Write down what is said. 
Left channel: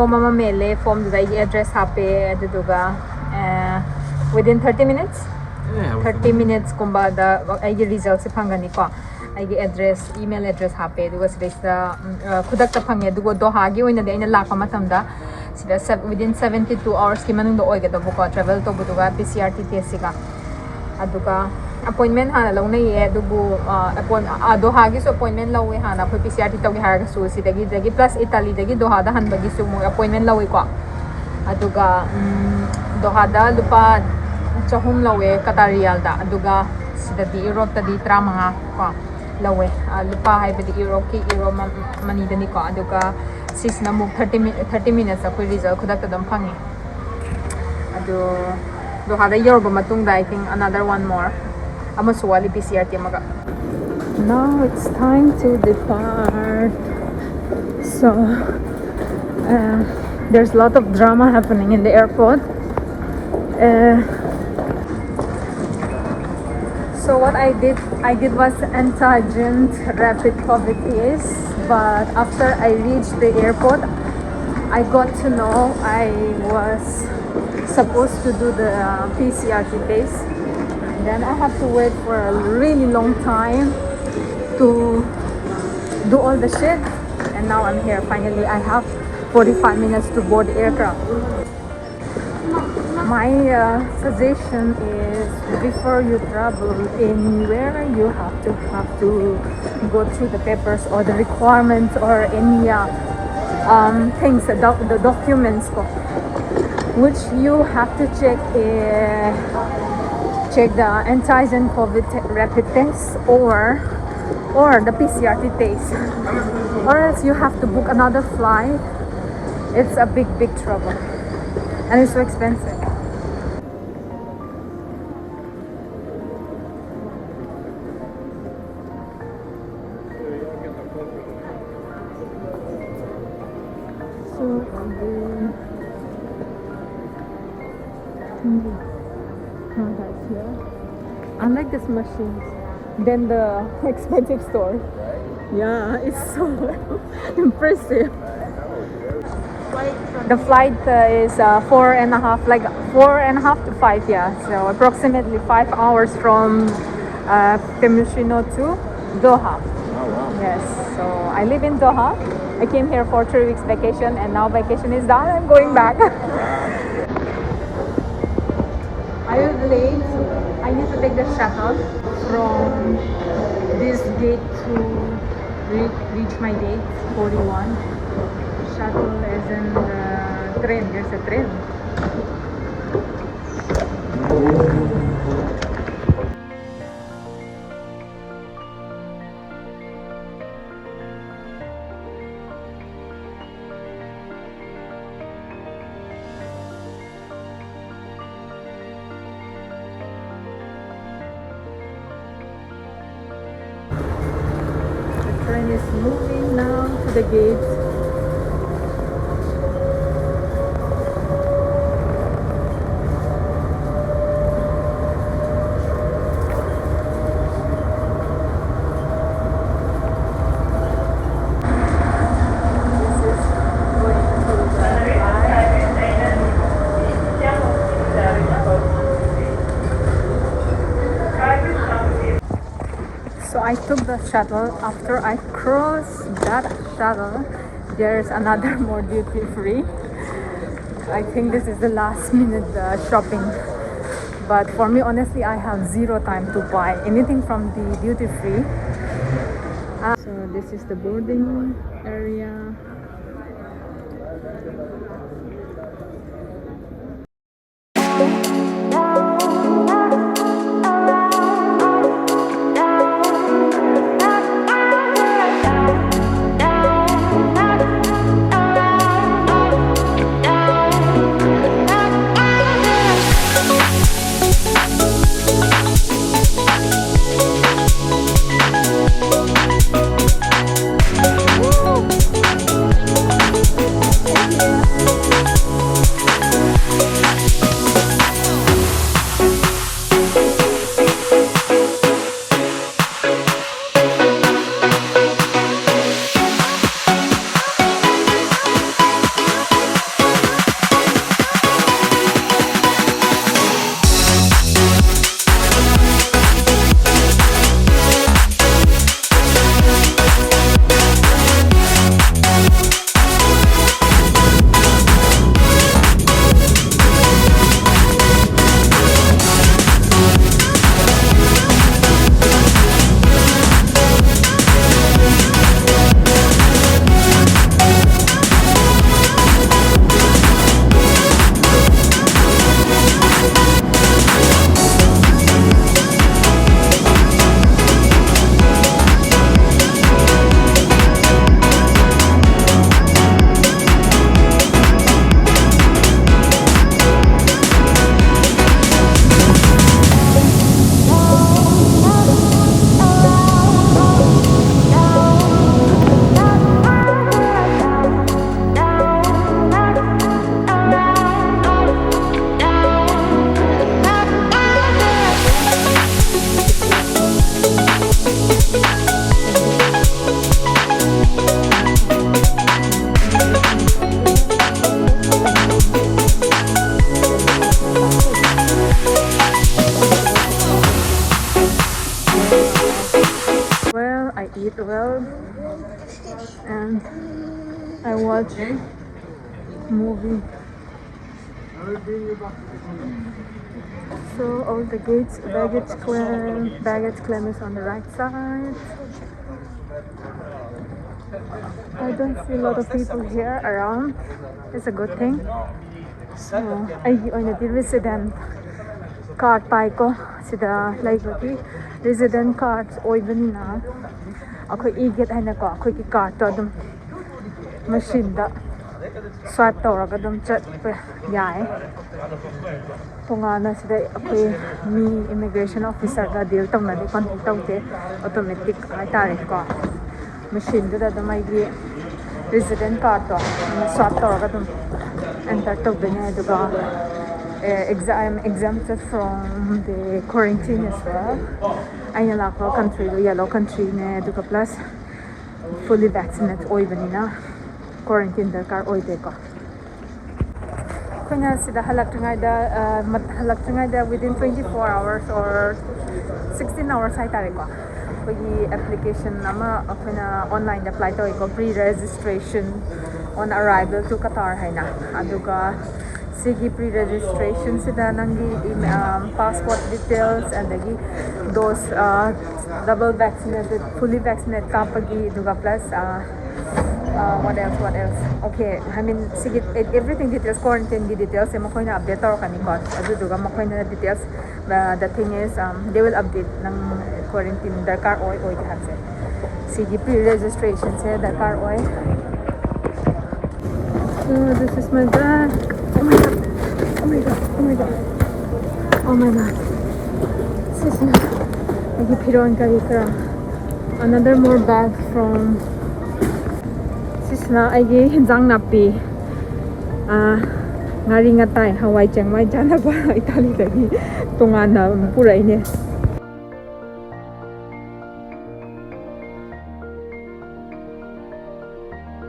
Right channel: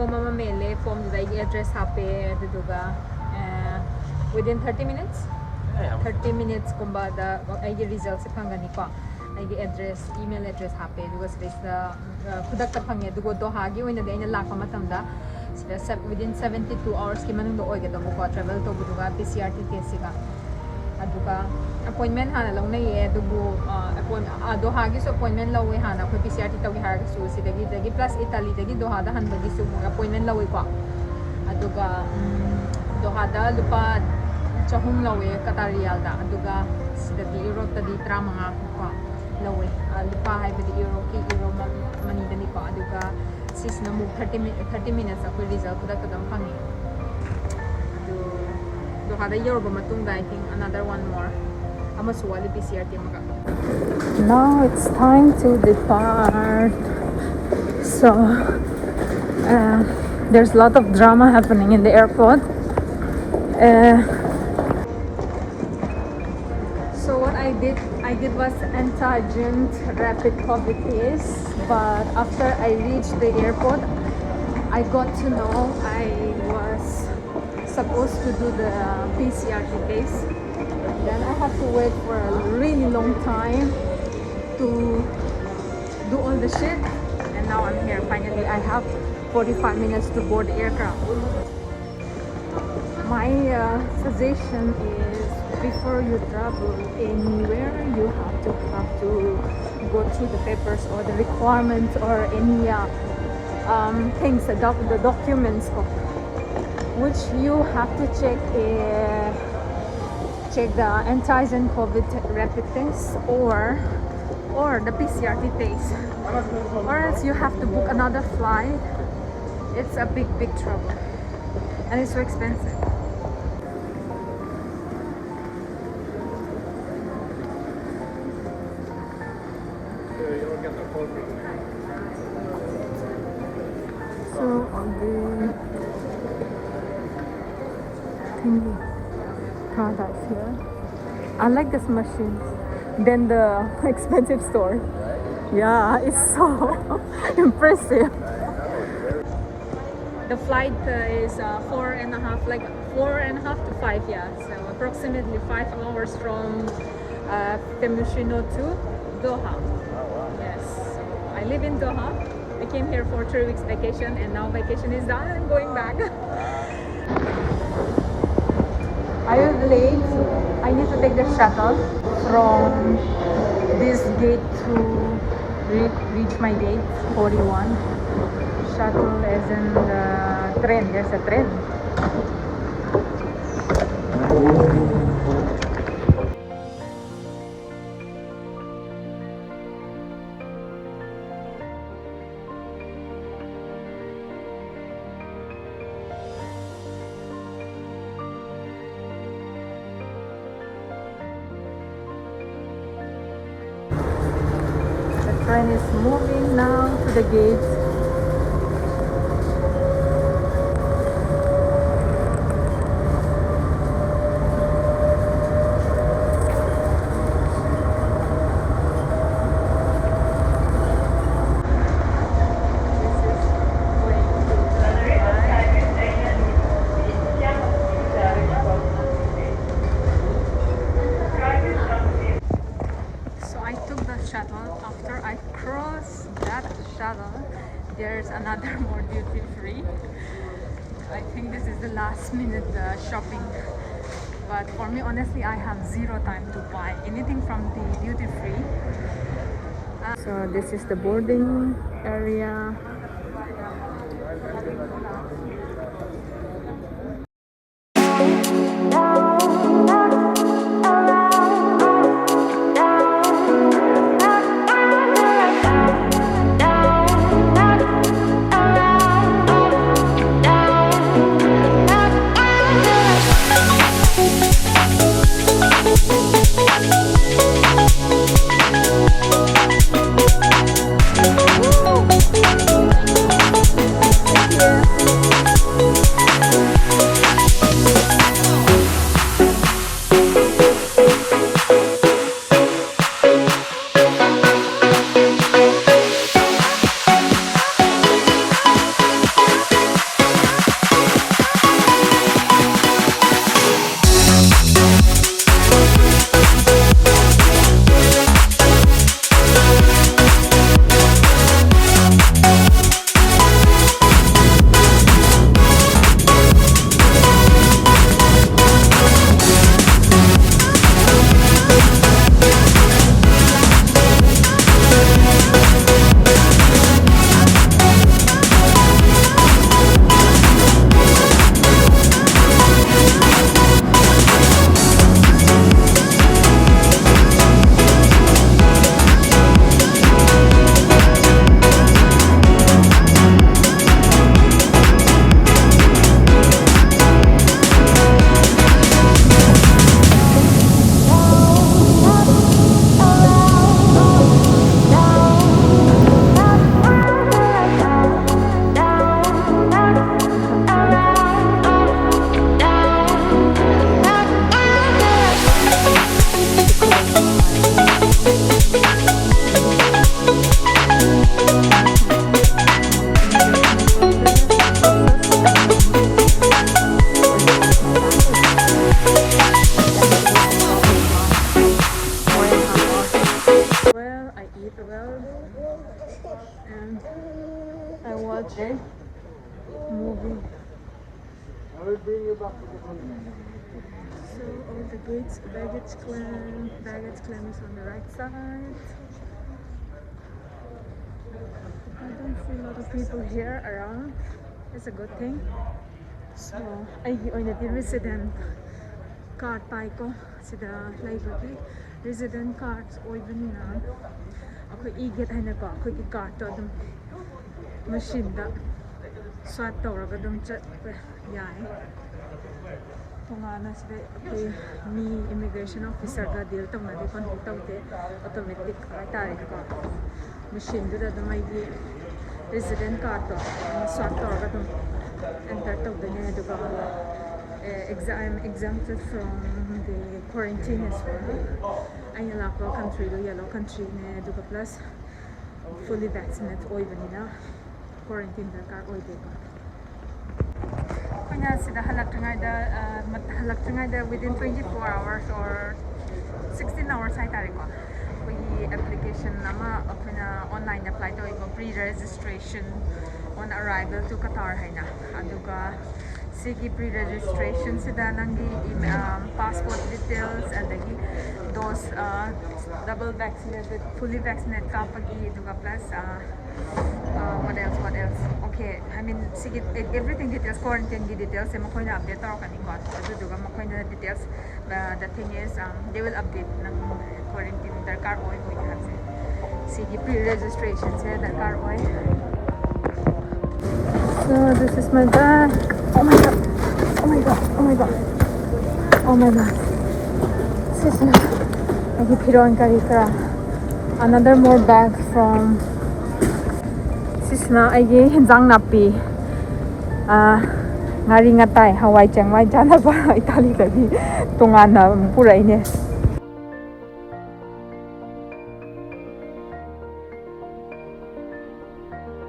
form ama mele form the address hape aduga within 30 minutes 30 minutes kumba da ai results phangani ko ai address email address hape aduga sida khudak ta phange adugo Doha gi oina de aina lakpa matamda sida within 72 hours ki manung do oiga do ko travel to buduga PCR test ga aduga appointment hana launa ye adubu Doha gi so appointment lawe hana khoi PCR to gi har su sidagi plus Italy dagi Doha da han bagi su mo appointment lawe ko aduga Doha da lupa chahum lawe Qatar riyal da aduga sidadi Europe ta di tramanga ko lawe lupa hai badi Europe ki Euro mani dani ko aduga sis na muk 30 minutes akoi result khudak ta dam phangi adu Doha da yor ba matung da I think another one more amaswali PCR timaga. Now it's time to depart. So there's a lot of drama happening in the airport. So what I did was antigen rapid COVID test, but after I reached the airport, I got to know I was supposed to do the PCR test. Then I had to wait for a really long time to do all the shit, and now I'm here. Finally, I have 45 minutes to board the aircraft. My suggestion is before you travel anywhere, you have to go through the papers or the requirements or any things, the documents which you have to check the antigen COVID rapid test or the PCR test, or else you have to book another flight. It's a big trouble and it's so expensive. So I like this machine than the expensive store. Yeah, it's so impressive. The flight is 4.5 to 5, yeah. So approximately 5 hours from Temushino to Doha. Yes, so I live in Doha. I came here for 3 weeks vacation, and now vacation is done. I'm going back. I was late. I need to take the shuttle from this gate to reach my gate 41. Shuttle is in the train. There's a train. The train is moving now to the gates. So I took the shuttle. After I crossed that shuttle, there's another more duty free. I think this is the last minute shopping, but for me honestly I have zero time to buy anything from the duty free. So this is the boarding area. eat well and I watch movie. So all the gates, baggage claim is on the right side. I don't see a lot of people here around. It's a good thing. So I the resident card pai ko sida like resident cards oibanina akoi e-get haina ko akoi ki card to adum machine da swipe tawraga adum chat pa yai tongana sida akoi mi immigration officer ga deal tamna di kon tawte automatic ai tare ko machine da adum ai gi resident card to swipe tawraga adum enter tawbene aduga I am exempted from the quarantine as well. I am like a country, yellow country ne duka plus fully vaccinated oibanina quarantine darkar oide ko. Kunya sida halak within 24 hours or 16 hours ay tare ko. Pagi application nama kunya online apply to ko pre-registration on arrival to Qatar hayna aduga Sigi pre-registration sida nangi passport details and those double vaccinated, fully vaccinated kapagi duga plus what else? Okay, I mean sige everything details quarantine details mo ko na update or kanikot adu duga mo ko na details. The thing is they will update ng quarantine darkar oy kasi sige pre-registration se darkar oy. So this is my bag. Oh my god. Oh my god. Oh my god. Oh my god. Another more bag from Sisna ay jang napi. Ngari ngatay Hawaii chang mai jana ba Italy tadi tungana pura ini.